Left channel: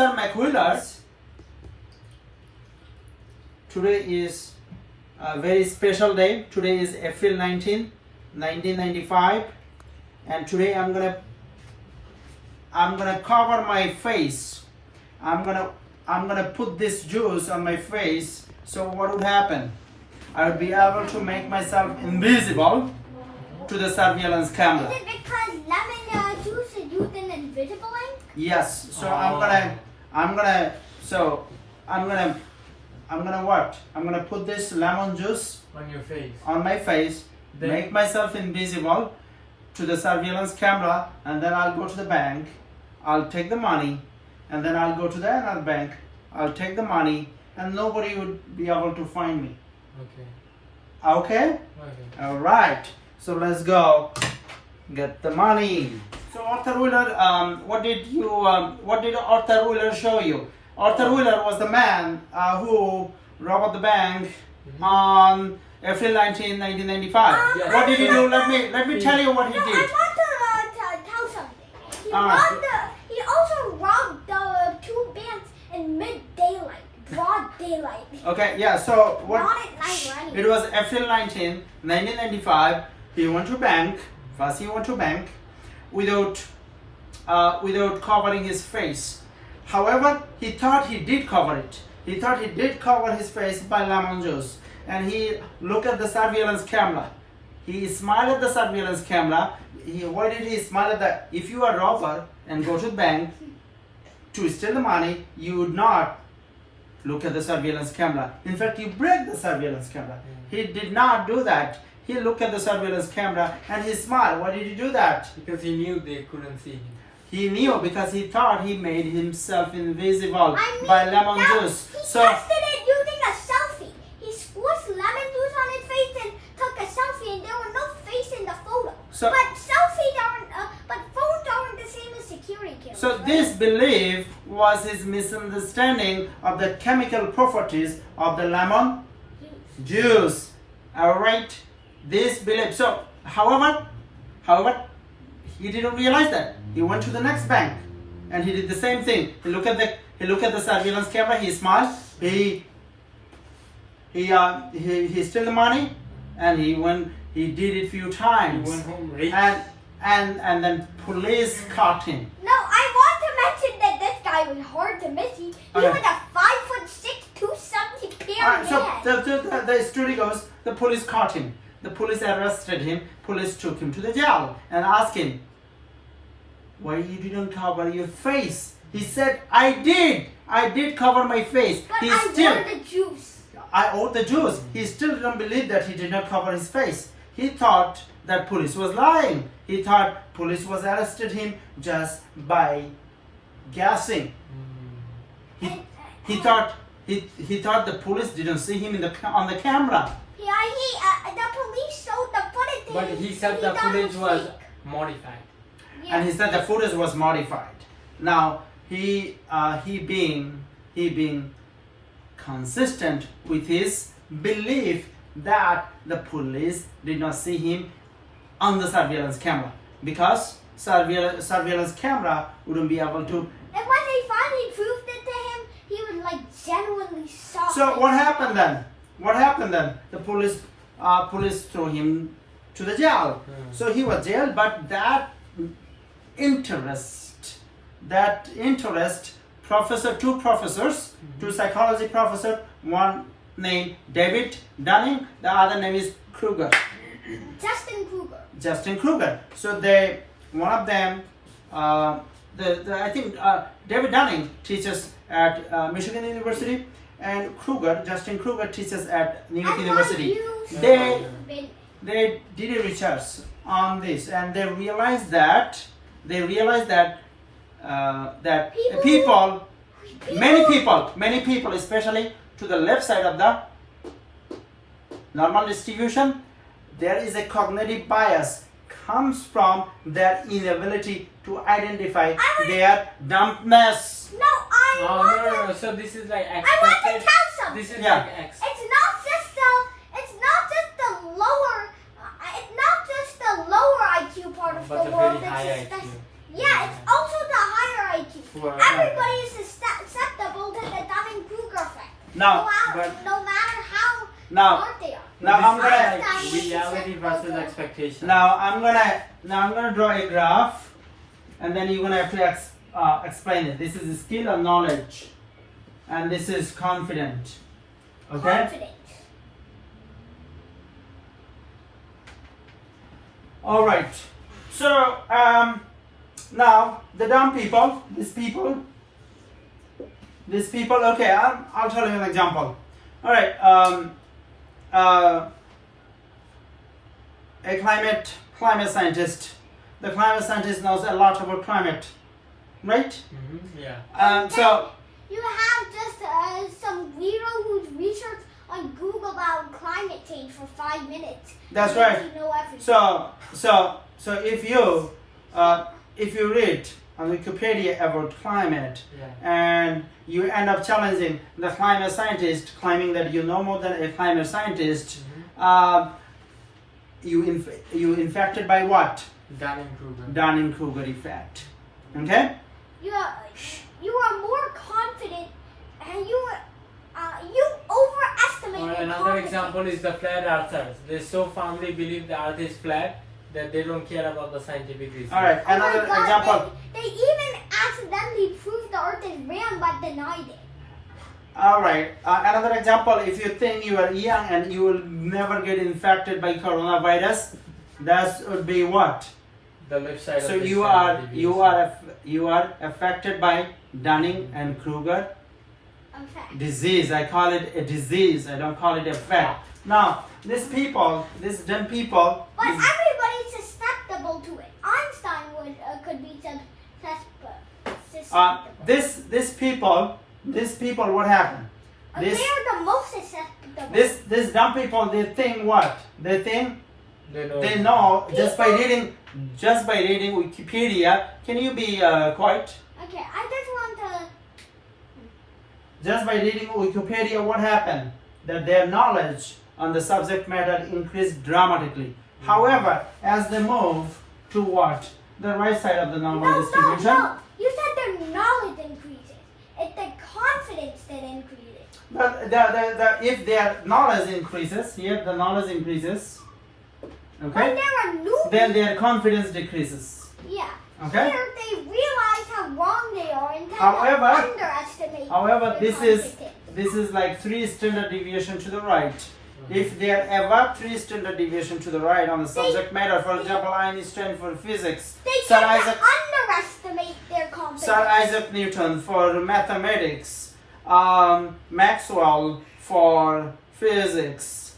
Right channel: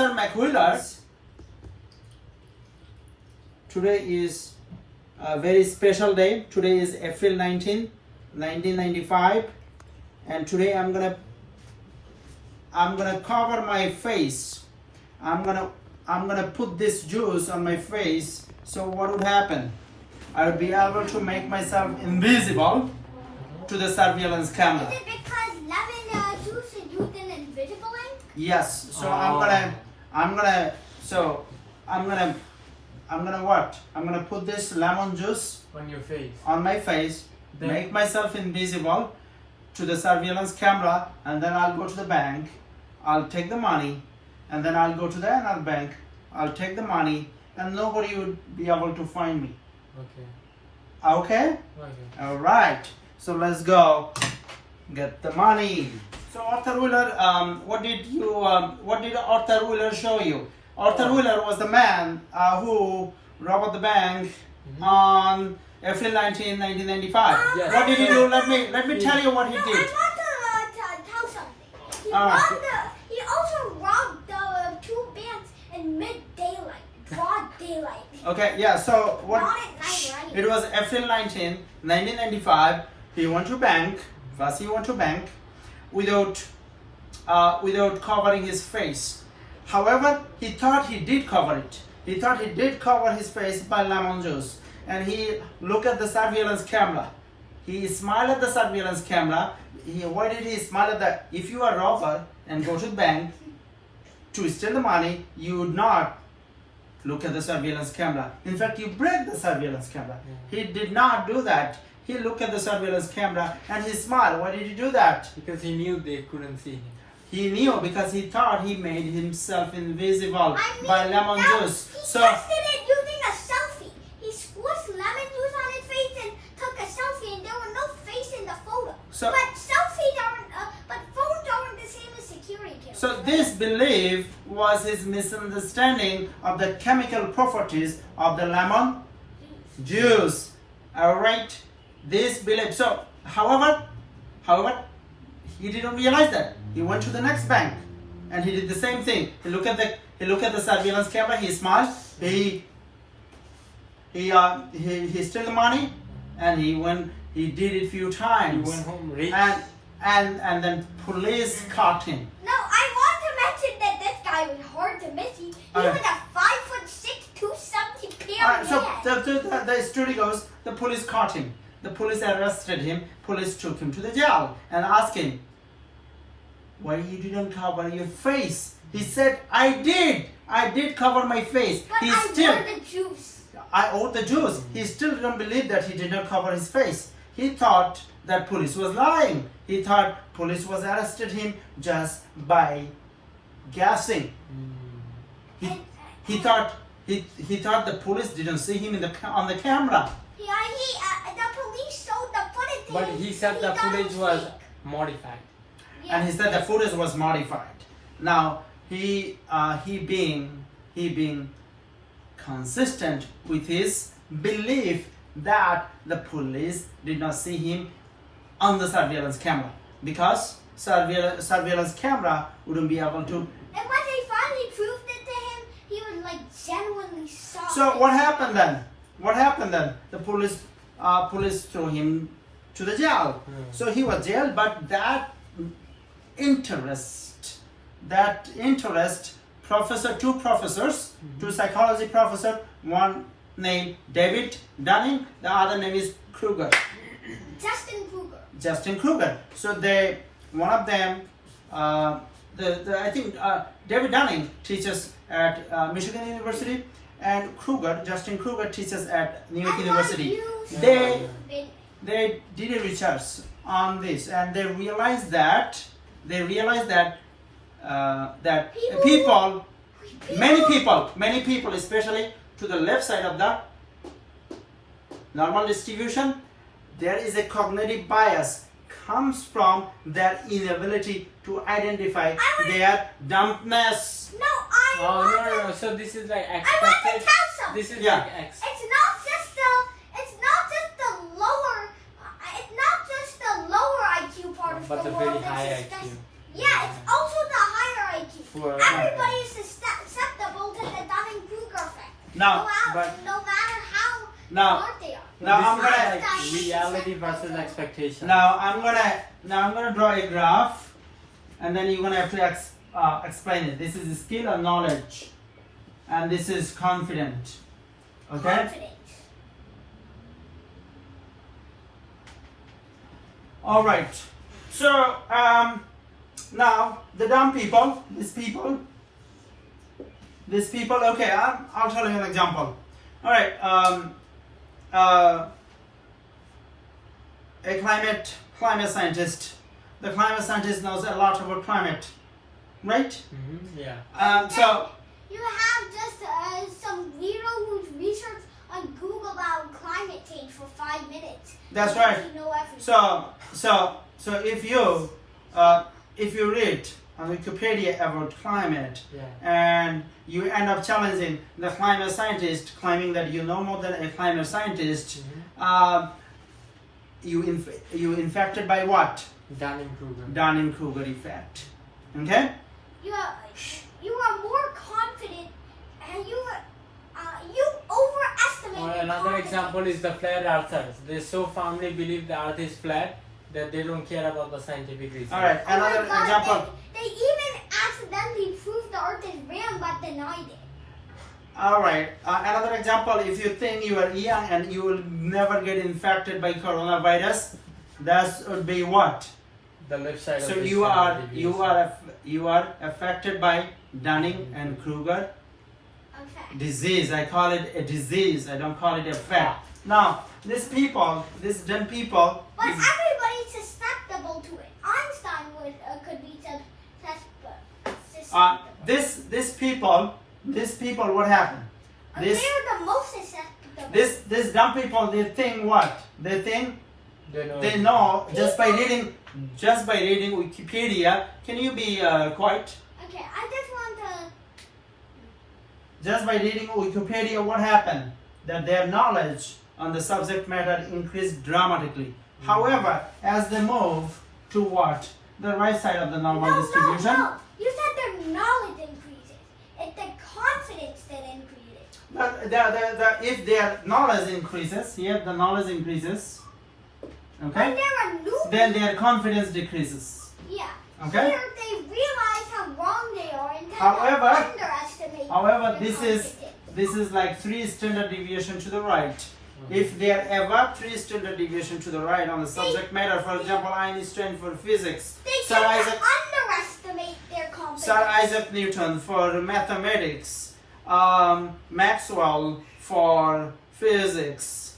Arthur McWheeler. Today is a very special day. Today is April 19, 1995, and today I'm gonna cover my face. I'm gonna put this juice on my face. So what would happen? I would be able to make myself invisible to the surveillance camera. Is it because lemon juice is used in invisible ink? Yes. So I'm gonna what? I'm gonna put this lemon juice on your face. on my face, Then- make myself invisible to the surveillance camera, and then I'll go to the bank. I'll take the money, and then I'll go to the another bank. I'll take the money, and nobody would be able to find me. Okay. Okay? Okay. All right. So let's go get the money. So Arthur Wheeler, what did Arthur Wheeler show you? Arthur Wheeler was the man who robbed the bank on April 19, 1995. Yes. What did he do? Let me tell you what he No, did. I want to tell something. He also robbed the two banks in mid-daylight, broad daylight. Okay, yeah. So what? Not at night or anything. It was April 19, 1995. He went to bank. First, he went to bank without covering his face. However, he thought he did cover it. He thought he did cover his face by lemon juice. And he looked at the surveillance camera. He smiled at the surveillance camera. Why did he smile at that? If you are a robber and go to the bank to steal the money, you would not look at the surveillance camera. In fact, you break the surveillance camera. He did not do that. He looked at the surveillance camera and he smiled. Why did he do that? Because he knew they couldn't see him. He knew because he thought he made himself invisible I mean, by lemon no, juice. He So tested it using a selfie. He squished lemon juice on his face and took a selfie, and there was no face in the photo. So- but selfies aren't, but phones aren't the same as security cameras. So this belief was his misunderstanding of the chemical properties of the lemon juice. All right, this belief. So, however, he didn't realize that. He went to the next bank, and he did the same thing. He looked at the surveillance camera. He smiled. He stole the money, and he did it few He times. went home rich. And then police caught him. No, I want to mention that this guy was hard to miss. He Okay. was a 5'6", 270 Alright, so man. the story goes, the police caught him. The police arrested him. Police took him to the jail and asked him, why you didn't cover your face? He said, I did cover my face. But He I still, wore the juice. I owed the Jews. He still didn't believe that he did not cover his face. He thought that police was lying. He thought police was arrested him just by guessing. He thought the police didn't see him on the camera. Yeah, the police showed the footage. to But him, he said and the thought it footage was fake. modified. Yeah. And he said the footage was modified. Now he being consistent with his belief that the police did not see him on the surveillance camera, because surveillance camera wouldn't be able to. And when they finally proved it to him, he was like genuinely shocked. So what happened then? The police threw him to the jail. So he was jailed, but that interest, two professors, two psychology professors, one named David Dunning, the other name is Kruger. Justin Kruger. So one of them, I think David Dunning teaches at Michigan University, and Justin Kruger teaches at New York University. They did a research on this, and they realized that many people, especially to the left side of the normal distribution, there is a cognitive bias comes from their inability to identify their dumbness. No, I want to. No. So this is like I want to expected. tell something. This is Yeah. like X. It's not just the lower. It's not just the lower IQ part of But the the world. very high It's IQ. yeah, it's also the higher IQ. Well, Everybody is Now, no matter how now, smart they are. now I'm gonna. Like reality versus expectation. Now I'm gonna draw a graph, and then you're gonna have to explain it. This is skill or knowledge, and this is confident. Okay. Confident. All right. So now the dumb people, these people. Okay, I'll tell you an example. All right. A climate scientist. The climate scientist knows a lot about climate, right? Yeah. So You have just some weirdo who's researched on Google about climate change for 5 minutes. That's He right. doesn't know everything. So if you read on Wikipedia about climate, Yeah. and you end up challenging the climate scientist, claiming that you know more than a climate scientist, you infected by what? Kruger. Dunning-Kruger effect. Okay? You are more confident, and you overestimate. Or your another confidence. example is the flat earthers. They so firmly believe the earth is flat that they don't care about the scientific research. All right. Oh my Another God, example. They even accidentally proved the earth is round but denied it. All right. Another example. If you think you are young and you will never get infected by coronavirus, that would be what? The left side. So of this you are affected by Dunning and Kruger Okay. disease. I call it a disease. I don't call it a fact. Now, these dumb people. But everybody's susceptible to it. Einstein could be susceptible. These people, what happened? They're the most susceptible. This dumb people, they think what? They think they know just by reading Wikipedia. Can you be quiet? Okay, I just want to. Just by reading Wikipedia, what happened? That their knowledge on the subject matter increased dramatically. However, as they move to what? The right side of the normal distribution. No. You said their knowledge increases. It's the confidence that increases. But if their knowledge increases, the knowledge increases, When okay, they're a newbie, then their confidence decreases. yeah. Okay? They realize how wrong they are and However- underestimate. However, their this confidence. is like 3 standard deviation to the right. If they are ever 3 standard deviation to the right on the subject matter, for example, Einstein for physics, They Sir tend Isaac, to underestimate their confidence. Sir Isaac Newton for mathematics, Maxwell for physics,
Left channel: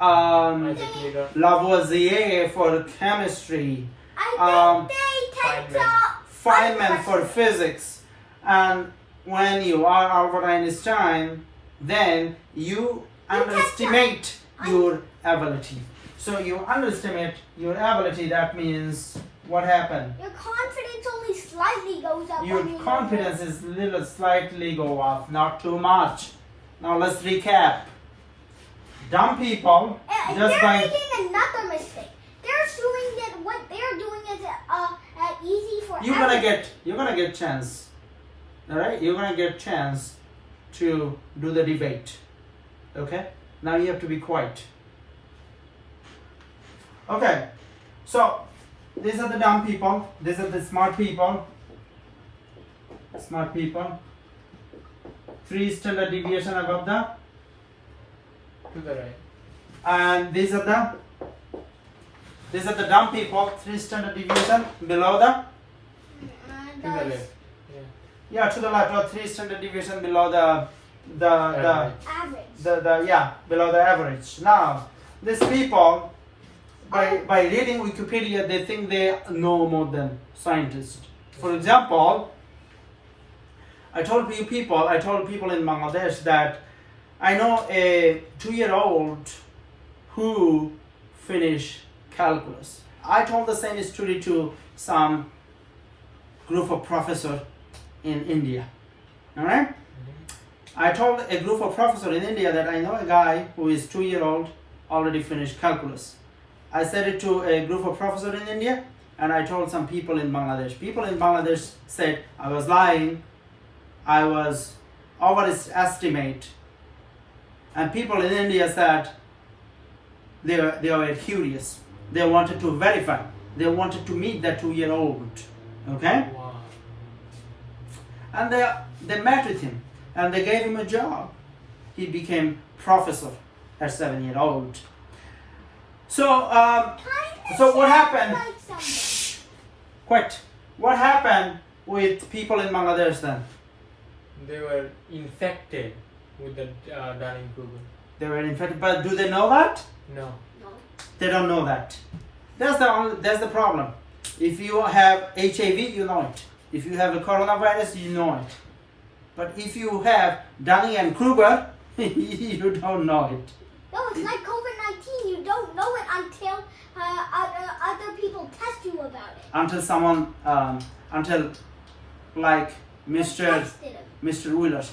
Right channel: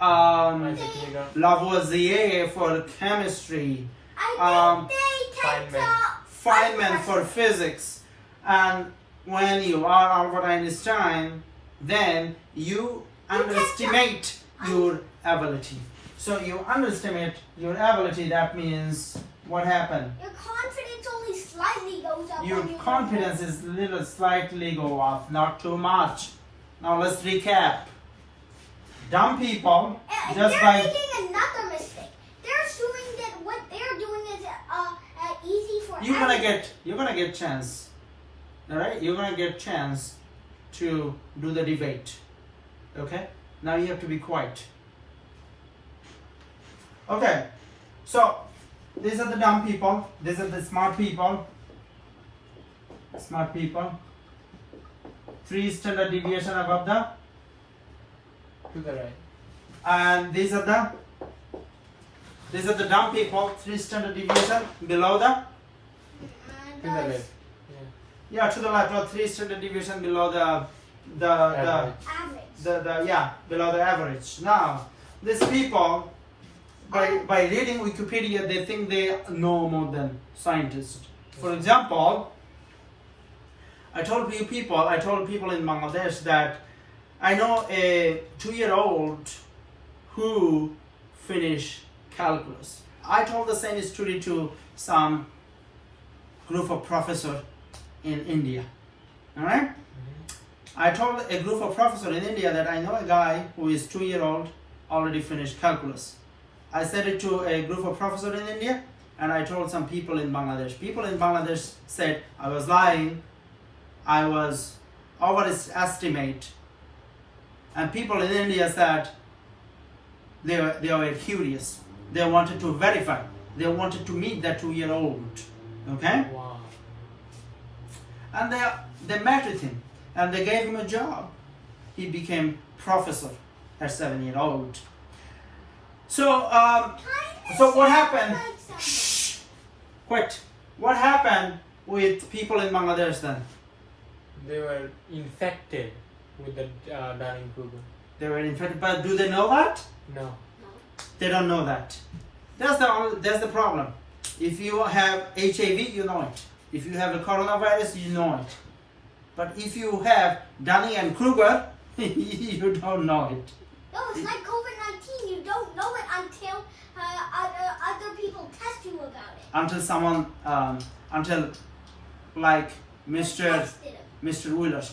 Isaac Newton. Lavoisier for chemistry, I think they tend to Feynman for physics, and when you are Albert Einstein, then you underestimate your ability. So you underestimate your ability. That means what happened? Your confidence only slightly goes up. Your when you confidence is little slightly go up, not too much. Now let's recap. Dumb people And just they're by making another mistake. They're assuming that what they're doing is easy for you're everyone. gonna get chance. All right, you're gonna get chance to do the debate. Okay, now you have to be quiet. Okay, so these are the dumb people, these are the smart people. Smart people. 3 standard deviation above the, To the right. and these are the dumb people, 3 standard deviation below the, To the left. yeah, to the left, or 3 standard deviation below the Average. Average. below the average. Now, these people, by reading Wikipedia, they think they know more than scientists. For example, I told people in Bangladesh that I know a 2-year-old who finished calculus. I told the same story to some group of professors in India. All right? I told a group of professors in India that I know a guy who is 2-year-old already finished calculus. I said it to a group of professors in India, and I told some people in Bangladesh. People in Bangladesh said I was lying, I was overestimate And people in India said they were curious. They wanted to verify. They wanted to meet that 2-year-old. Okay? Wow. And they met with him and they gave him a job. He became professor at 7-year-old. So what happened? Shh, quit. What happened with people in Bangladesh then? They were infected with the Dunning-Kruger. They were infected, but do they know that? No. They don't know that. That's the problem. If you have HIV, you know it. If you have a coronavirus, you know it. But if you have Dunning and Kruger, you don't know it. No, it's like COVID-19. You don't know it until other people test you about it. Until someone, until like Mr. Wheeler,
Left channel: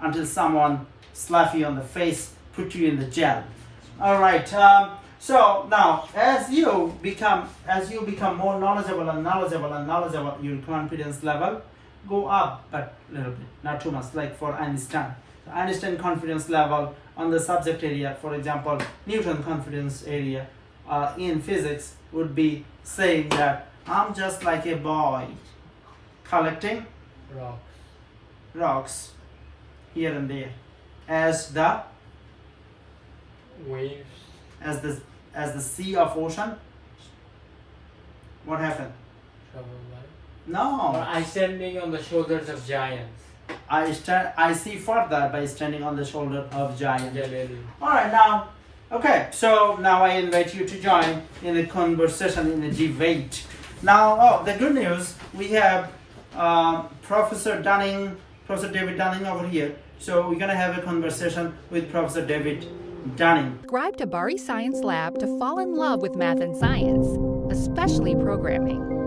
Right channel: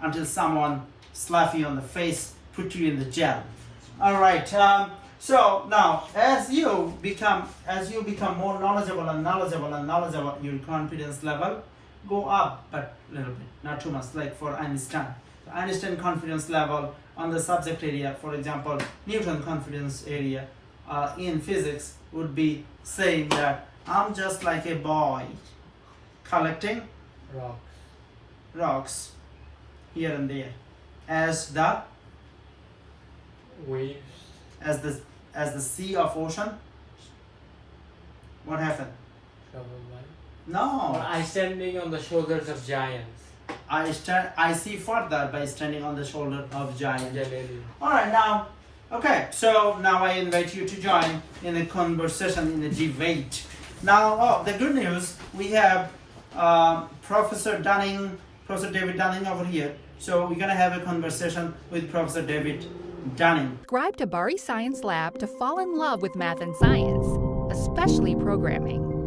until someone slap you on the face, put you in the jail. All right. So now, as you become more knowledgeable, your confidence level go up, but a little bit, not too much. Like for Einstein, the Einstein confidence level on the subject area, for example, Newton confidence area in physics would be saying that I'm just like a boy collecting rocks here and there, as the Waves. as the sea of ocean. What happened? No. Or I standing on the shoulders of giants. I see further by standing on the shoulder of giant. Yeah. All right, now, okay. So now I invite you to join in a conversation in the debate. Now, the good news, we have Professor David Dunning over here. So we're gonna have a conversation with Professor David Dunning. Subscribe to Bari Science Lab to fall in love with math and science, especially programming.